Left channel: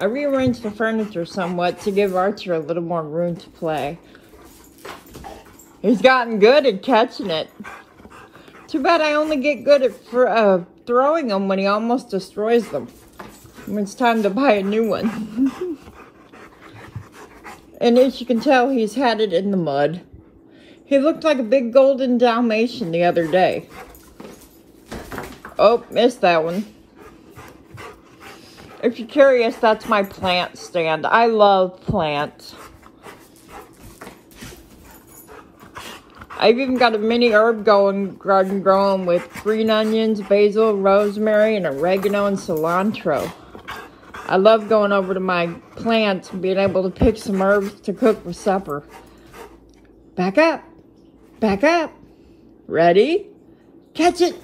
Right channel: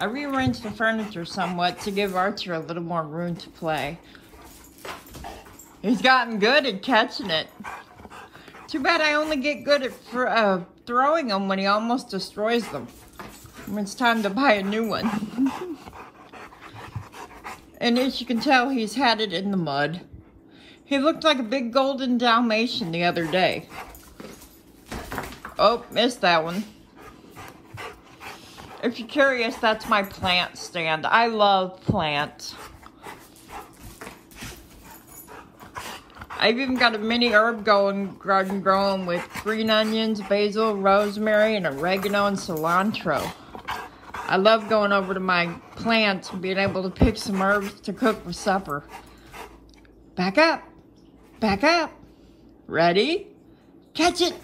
I rearranged the furniture somewhat to give Archer a little more room to play. He's gotten good at catching it. Too bad I only get good at throwing them when he almost destroys them. When it's time to buy a new one. And as you can tell, he's had it in the mud. He looked like a big golden Dalmatian the other day. Oh, missed that one. If you're curious, that's my plant stand. I love plants. I've even got a mini herb garden growing with green onions, basil, rosemary, and oregano and cilantro. I love going over to my plants and being able to pick some herbs to cook for supper. Back up. Back up. Ready? Catch it.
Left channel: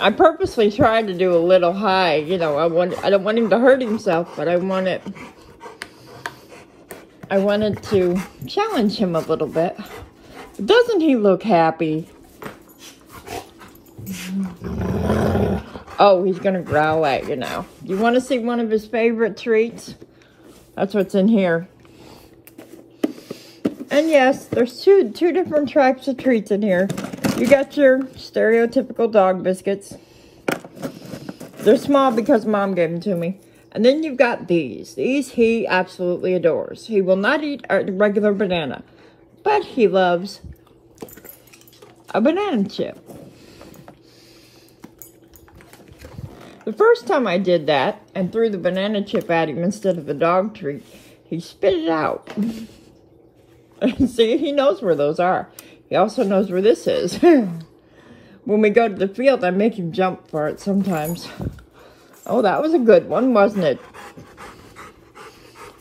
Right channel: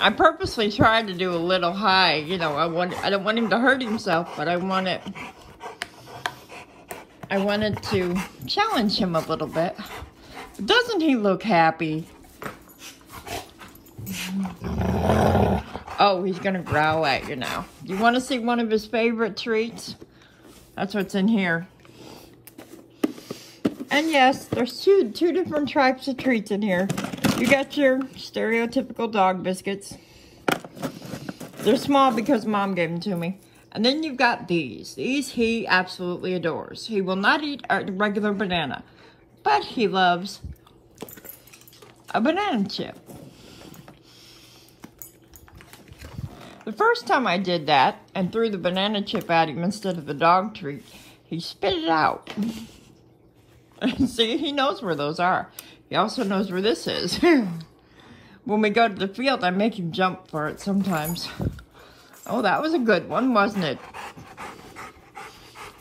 I purposely tried to do a little high. You know, I don't want him to hurt himself, but I wanted to challenge him a little bit. Doesn't he look happy? Oh, he's gonna growl at you now. You want to see one of his favorite treats? That's what's in here. And yes, there's two different types of treats in here. You got your stereotypical dog biscuits. They're small because Mom gave them to me. And then you've got these. These he absolutely adores. He will not eat a regular banana, but he loves a banana chip. The first time I did that and threw the banana chip at him instead of the dog treat, he spit it out. See, he knows where those are. He also knows where this is. When we go to the field, I make him jump for it sometimes. Oh, that was a good one, wasn't it?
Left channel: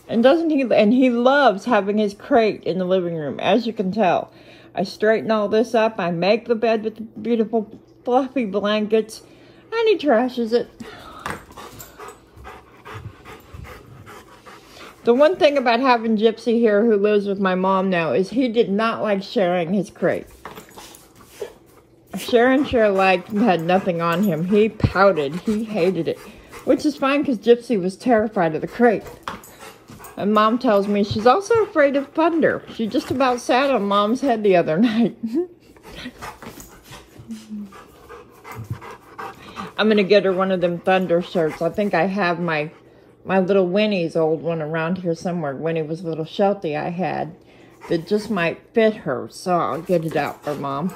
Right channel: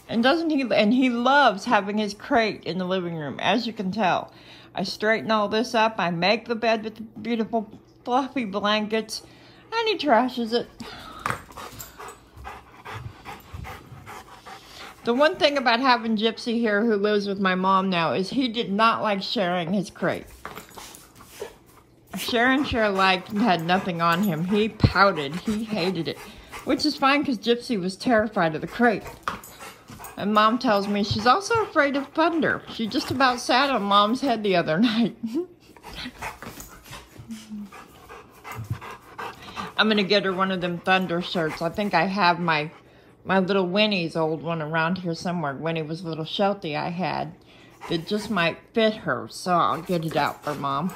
And doesn't he? And he loves having his crate in the living room, as you can tell. I straighten all this up. I make the bed with the beautiful fluffy blankets, and he trashes it. The one thing about having Gypsy here, who lives with my mom now, is he did not like sharing his crate. Sharon had nothing on him. He pouted. He hated it. Which is fine, because Gypsy was terrified of the crate. And Mom tells me she's also afraid of thunder. She just about sat on Mom's head the other night. I'm going to get her one of them thunder shirts. I think I have my little Winnie's old one around here somewhere. Winnie was a little Sheltie I had that just might fit her. So I'll get it out for Mom.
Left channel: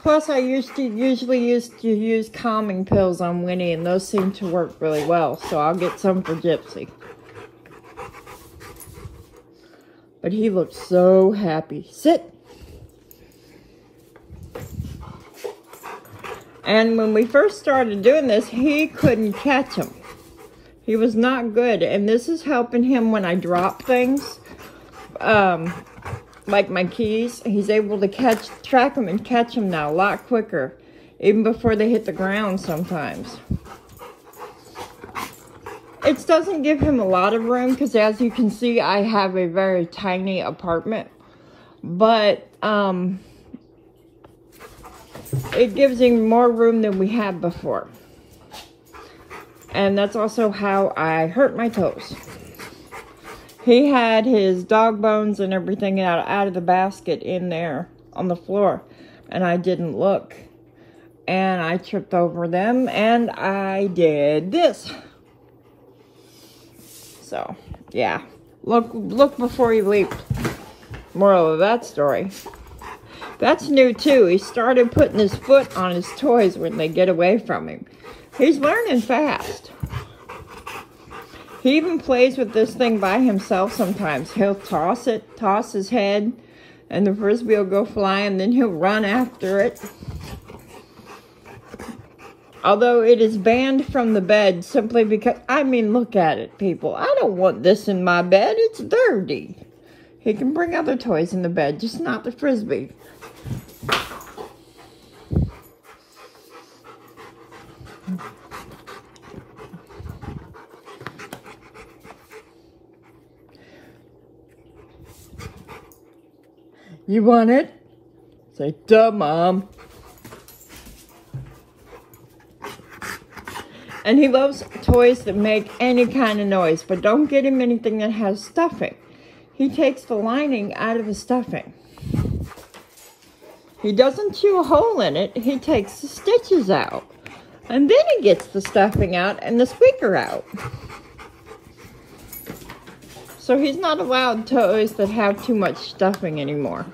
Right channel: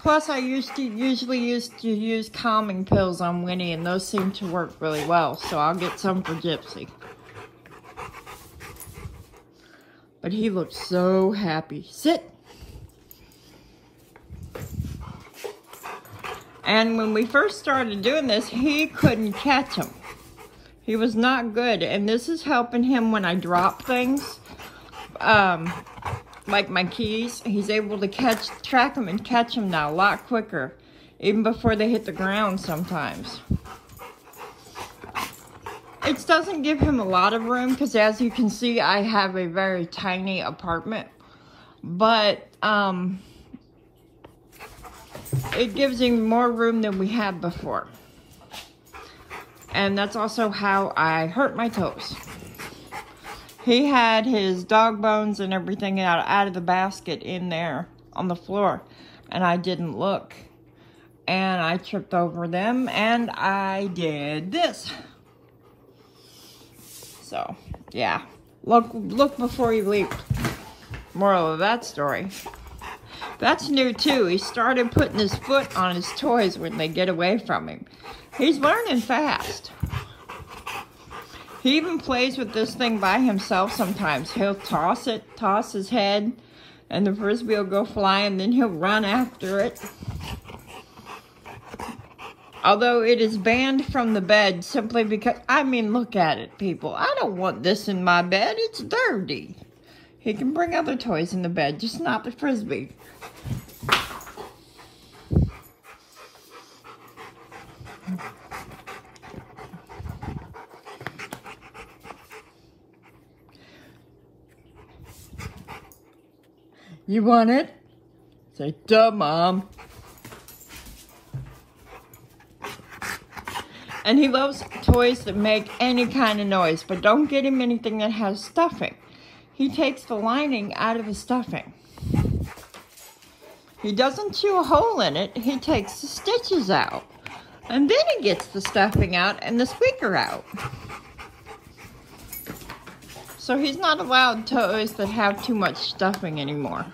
Plus, I usually used to use calming pills on Winnie, and those seem to work really well. So I'll get some for Gypsy. But he looks so happy. Sit. And when we first started doing this, he couldn't catch them. He was not good. And this is helping him when I drop things. Like my keys. He's able to track them and catch them now a lot quicker. Even before they hit the ground sometimes. It doesn't give him a lot of room, because as you can see, I have a very tiny apartment. But, it gives him more room than we had before. And that's also how I hurt my toes. He had his dog bones and everything out of the basket in there on the floor. And I didn't look. And I tripped over them, and I did this. So, yeah. Look before you leap. Moral of that story. That's new too. He started putting his foot on his toys when they get away from him. He's learning fast. He even plays with this thing by himself sometimes. He'll toss his head, and the frisbee will go flying, then he'll run after it. Although it is banned from the bed simply because, I mean, look at it, people. I don't want this in my bed. It's dirty. He can bring other toys in the bed, just not the frisbee. You want it? Say, duh, Mom. And he loves toys that make any kind of noise, but don't get him anything that has stuffing. He takes the lining out of the stuffing. He doesn't chew a hole in it, he takes the stitches out. And then he gets the stuffing out and the squeaker out. So he's not allowed toys that have too much stuffing anymore.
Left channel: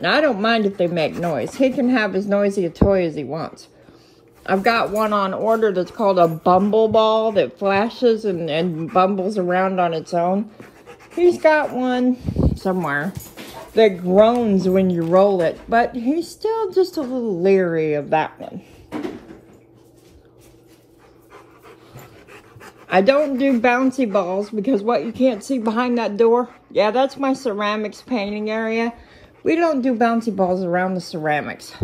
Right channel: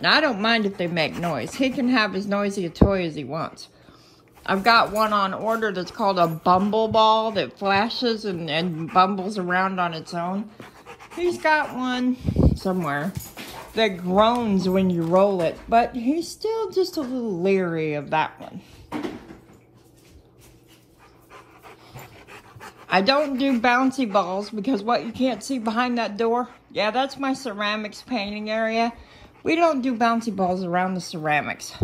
Now, I don't mind if they make noise. He can have as noisy a toy as he wants. I've got one on order that's called a bumble ball that flashes and bumbles around on its own. He's got one somewhere that groans when you roll it, but he's still just a little leery of that one. I don't do bouncy balls because what you can't see behind that door, yeah, that's my ceramics painting area. We don't do bouncy balls around the ceramics.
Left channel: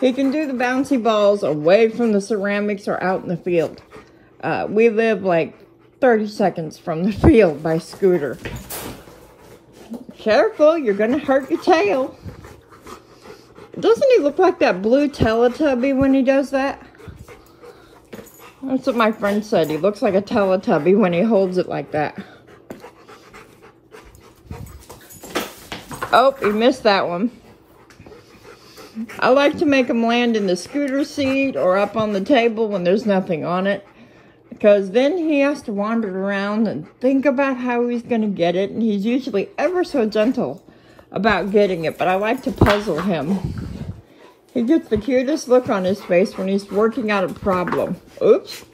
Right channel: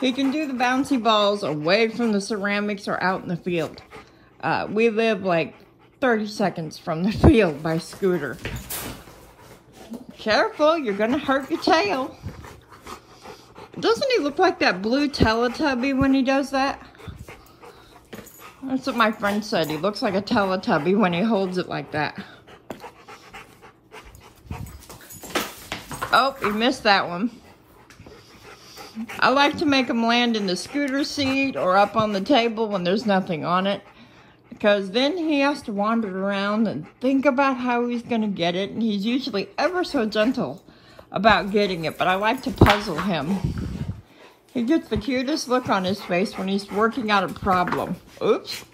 He can do the bouncy balls away from the ceramics or out in the field. We live like 30 seconds from the field by scooter. Careful, you're gonna hurt your tail. Doesn't he look like that blue Teletubby when he does that? That's what my friend said. He looks like a Teletubby when he holds it like that. Oh, he missed that one. I like to make him land in the scooter seat or up on the table when there's nothing on it. Because then he has to wander around and think about how he's going to get it. And he's usually ever so gentle about getting it. But I like to puzzle him. He gets the cutest look on his face when he's working out a problem. Oops.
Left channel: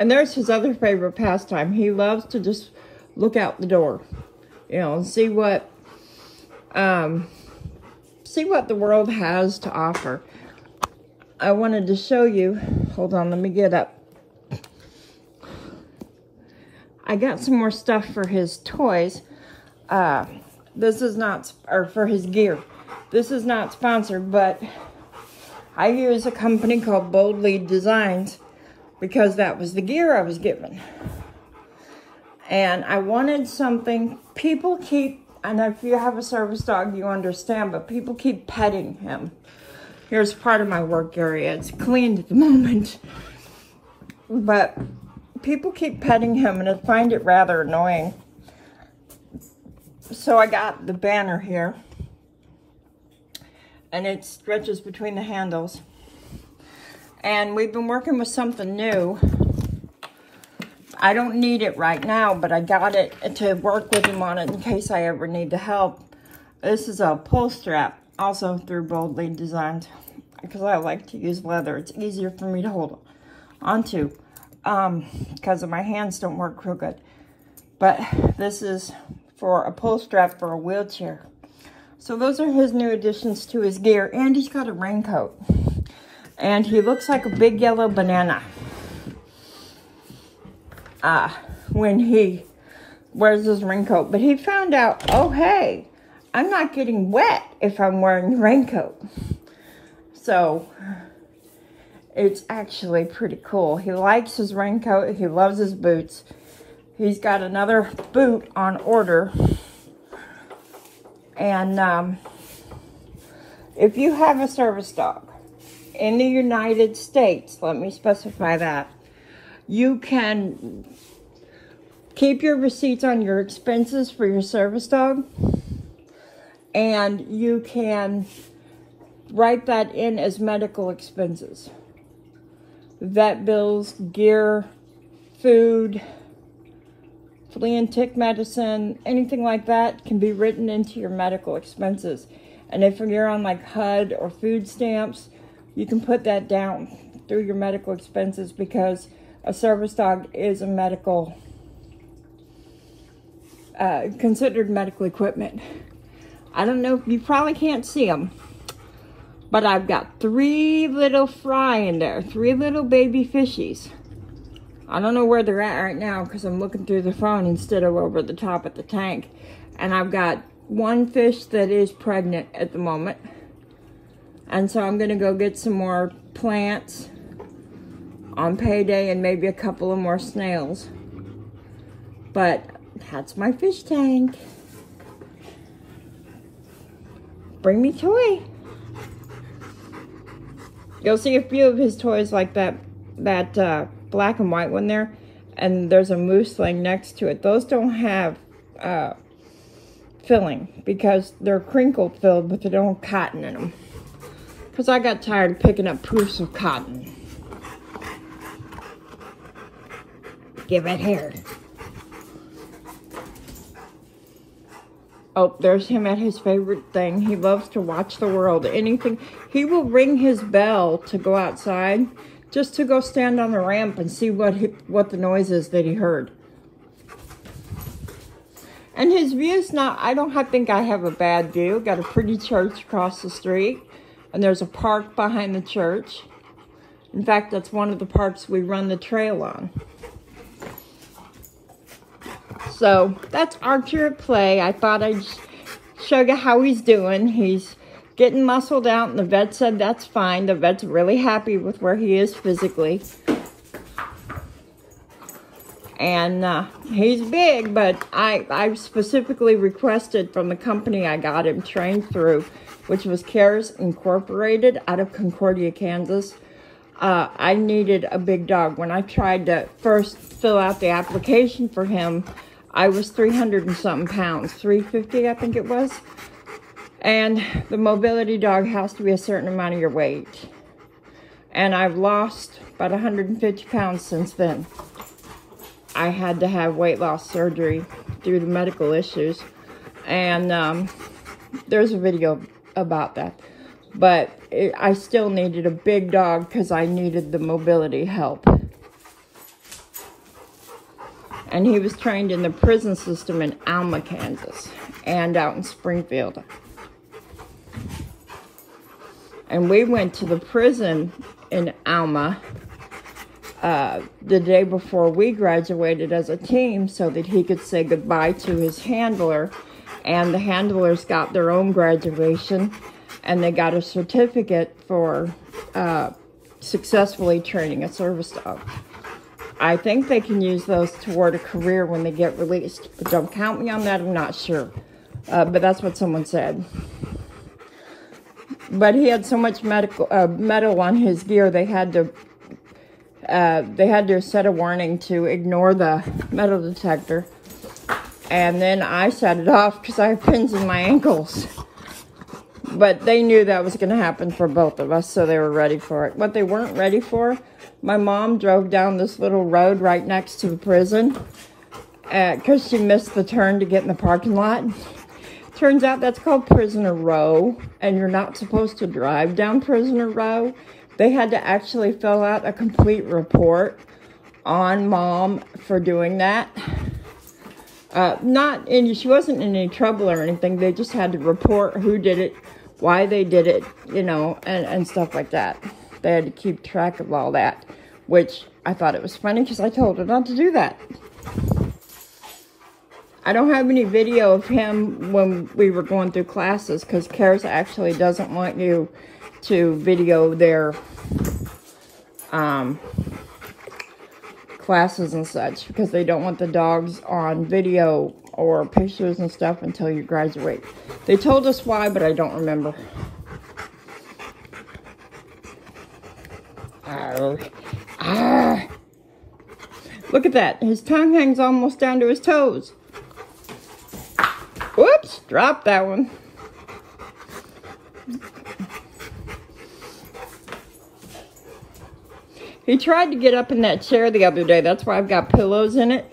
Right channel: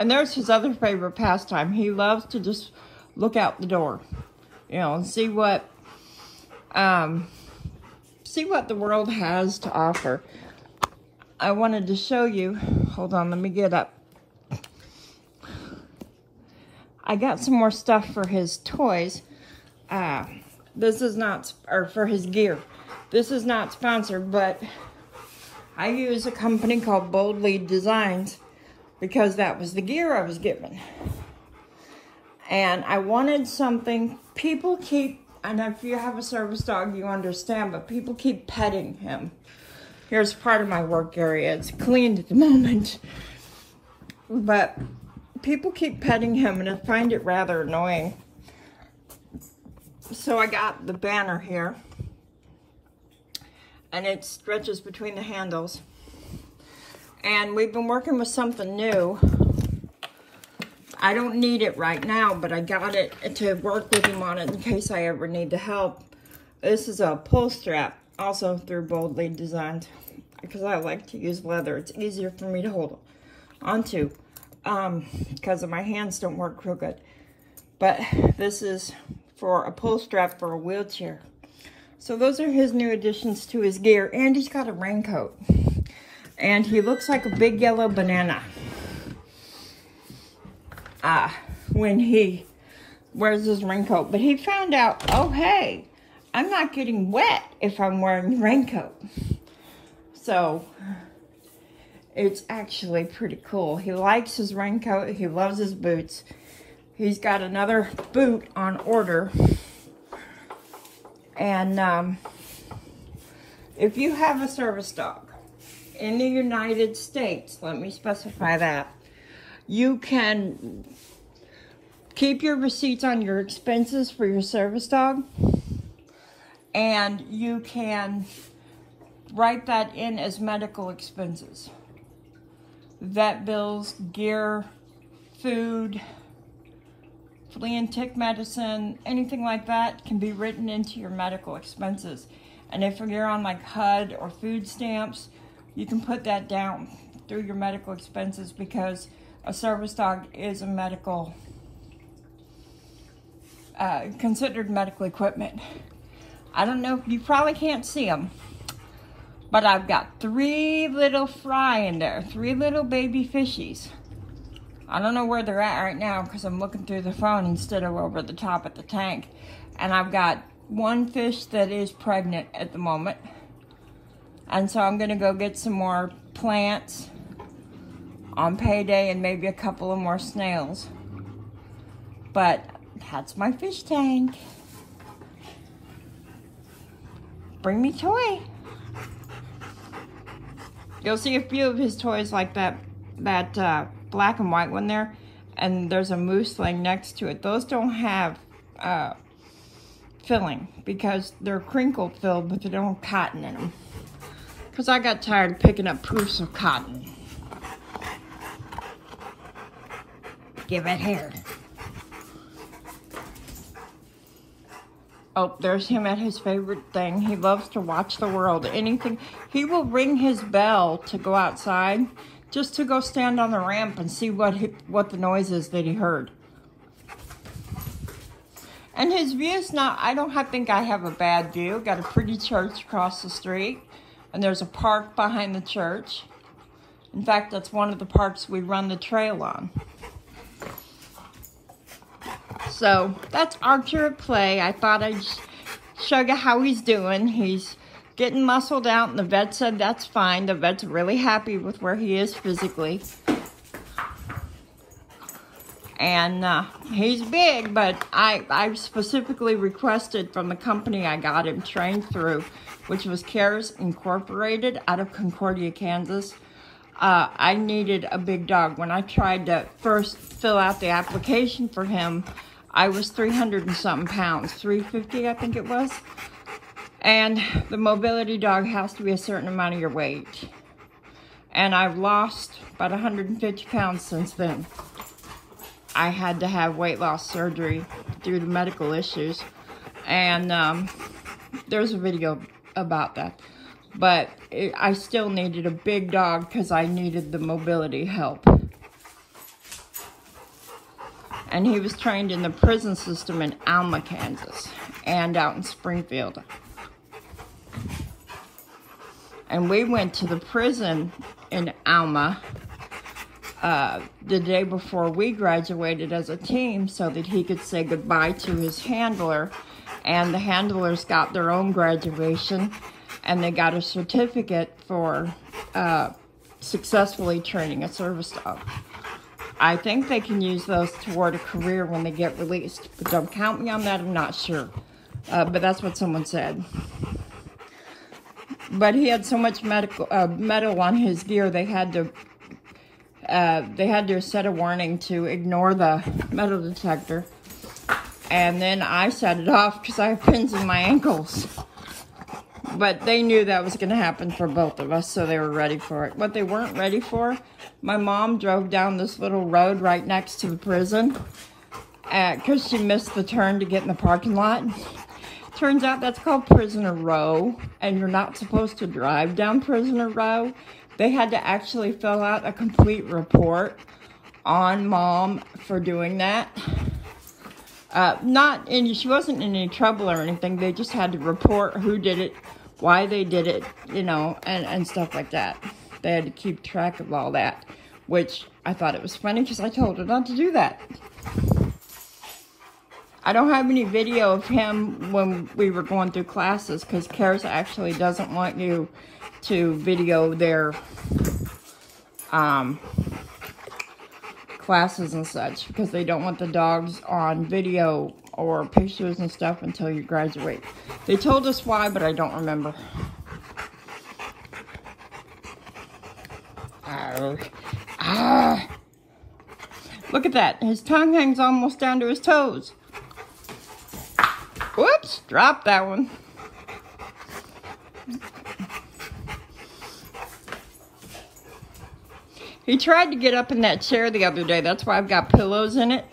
And there's his other favorite pastime. He loves to just look out the door, you know, and see what the world has to offer. I wanted to show you, hold on, let me get up. I got some more stuff for his toys. This is not, or for his gear. This is not sponsored, but I use a company called Boldly Designs because that was the gear I was given. And I wanted something, people keep, and if you have a service dog, you understand, but people keep petting him. Here's part of my work area. It's cleaned at the moment. But people keep petting him, and I find it rather annoying. So I got the banner here. And it stretches between the handles. And we've been working with something new. I don't need it right now, but I got it to work with him on it in case I ever need the help. This is a pull strap, also through Boldly Designs, because I like to use leather. It's easier for me to hold onto, because my hands don't work real good. But this is for a pull strap for a wheelchair. So those are his new additions to his gear, and he's got a raincoat. And he looks like a big yellow banana when he wears his raincoat. But he found out, oh, hey, I'm not getting wet if I'm wearing the raincoat. So it's actually pretty cool. He likes his raincoat. He loves his boots. He's got another boot on order. And if you have a service dog in the United States, let me specify that, you can keep your receipts on your expenses for your service dog, and you can write that in as medical expenses. Vet bills, gear, food, flea and tick medicine, anything like that can be written into your medical expenses. And if you're on like HUD or food stamps, you can put that down through your medical expenses, because a service dog is a medical, considered medical equipment. I don't know, you probably can't see them, but I've got 3 little fry in there, 3 little baby fishies. I don't know where they're at right now because I'm looking through the phone instead of over the top at the tank. And I've got 1 fish that is pregnant at the moment. And so I'm gonna go get some more plants on payday and maybe a couple of more snails. But That's my fish tank. Bring me toy. You'll see a few of his toys like that black and white one there, and there's a moose laying next to it. Those don't have filling because they're crinkle filled, but they don't have cotton in them. Because I got tired of picking up proofs of cotton. Give it here. Oh, there's him at his favorite thing. He loves to watch the world. Anything. He will ring his bell to go outside just to go stand on the ramp and see what the noise is that he heard. And his view's not, I don't think I have a bad view. Got a pretty church across the street. And there's a park behind the church. In fact, that's one of the parks we run the trail on. So, that's Archer at play. I thought I'd show you how he's doing. He's getting muscled out, and the vet said that's fine. The vet's really happy with where he is physically. And he's big, but I specifically requested from the company I got him trained through, which was Cares Incorporated out of Concordia, Kansas. I needed a big dog. When I tried to first fill out the application for him, I was 300 and something pounds, 350 I think it was. And the mobility dog has to be a certain amount of your weight. And I've lost about 150 pounds since then. I had to have weight loss surgery due to medical issues. And there's a video about that. But I still needed a big dog because I needed the mobility help. And he was trained in the prison system in Alma, Kansas, and out in Springfield. And we went to the prison in Alma the day before we graduated as a team so that he could say goodbye to his handler. And the handlers got their own graduation, and they got a certificate for successfully training a service dog. I think they can use those toward a career when they get released. But don't count me on that, I'm not sure. But that's what someone said. But he had so much metal on his gear, they had to set a warning to ignore the metal detector. And then I set it off because I have pins in my ankles. But they knew that was going to happen for both of us, so they were ready for it. What they weren't ready for, my mom drove down this little road right next to the prison because she missed the turn to get in the parking lot. Turns out that's called Prisoner Row, and you're not supposed to drive down Prisoner Row. They had to actually fill out a complete report on Mom for doing that. She wasn't in any trouble or anything. They just had to report who did it, why they did it, you know, and stuff like that. They had to keep track of all that, which I thought it was funny because I told her not to do that. I don't have any video of him when we were going through classes because Cares actually doesn't want you to video their classes and such because they don't want the dogs on video or pictures and stuff until you graduate. They told us why, but I don't remember. Look at that. His tongue hangs almost down to his toes. Whoops, dropped that one. He tried to get up in that chair the other day. That's why I've got pillows in it,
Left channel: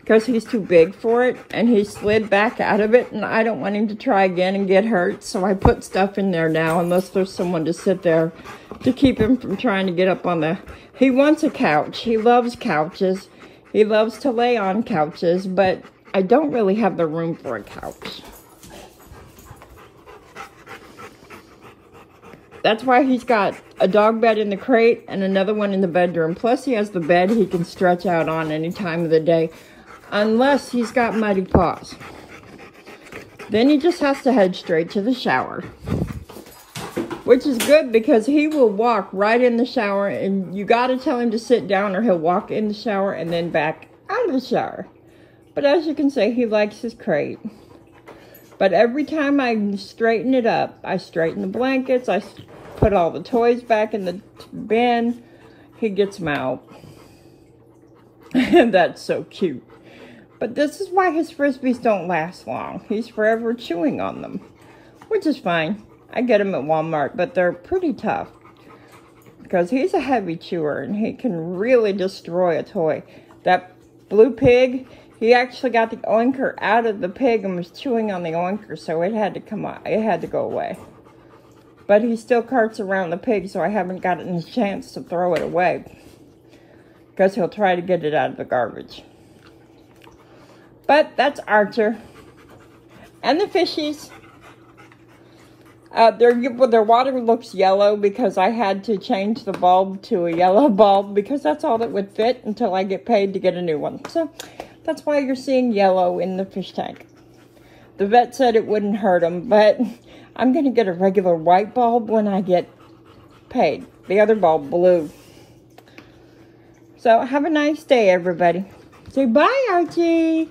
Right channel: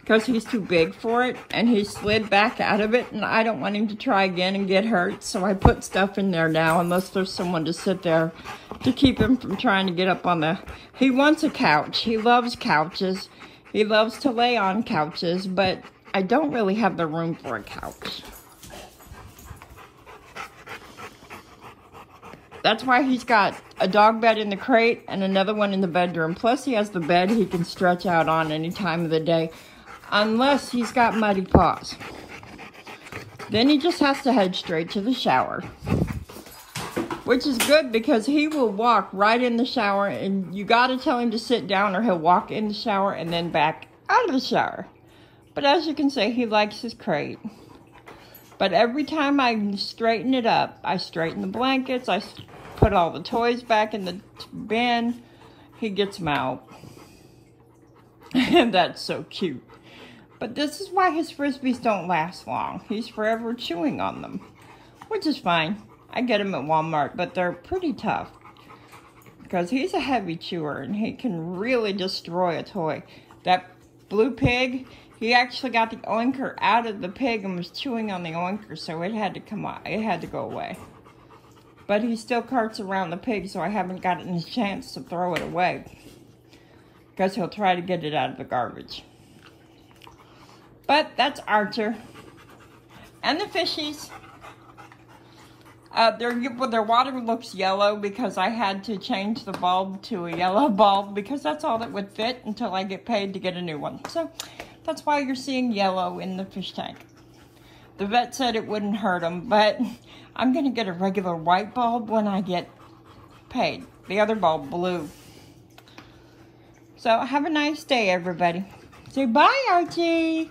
because he's too big for it, and he slid back out of it, and I don't want him to try again and get hurt, so I put stuff in there now, unless there's someone to sit there to keep him from trying to get up on the... He wants a couch. He loves couches. He loves to lay on couches, but I don't really have the room for a couch. That's why he's got a dog bed in the crate and another one in the bedroom. Plus he has the bed he can stretch out on any time of the day. Unless he's got muddy paws. Then he just has to head straight to the shower. Which is good because he will walk right in the shower. And you got to tell him to sit down or he'll walk in the shower and then back out of the shower. But as you can see, he likes his crate. But every time I straighten it up, I straighten the blankets, I put all the toys back in the bin, he gets them out. And that's so cute. But this is why his Frisbees don't last long. He's forever chewing on them, which is fine. I get them at Walmart, but they're pretty tough. Because he's a heavy chewer and he can really destroy a toy. That blue pig, he actually got the oinker out of the pig and was chewing on the oinker, so it had to come out. It had to go away. But he still carts around the pig, so I haven't gotten a chance to throw it away. Because he'll try to get it out of the garbage. But that's Archer. And the fishies. Their water looks yellow because I had to change the bulb to a yellow bulb because that's all that would fit until I get paid to get a new one. So that's why you're seeing yellow in the fish tank. The vet said it wouldn't hurt them, but I'm going to get a regular white bulb when I get paid. The other bulb, blue. So have a nice day, everybody. Say bye, Archie.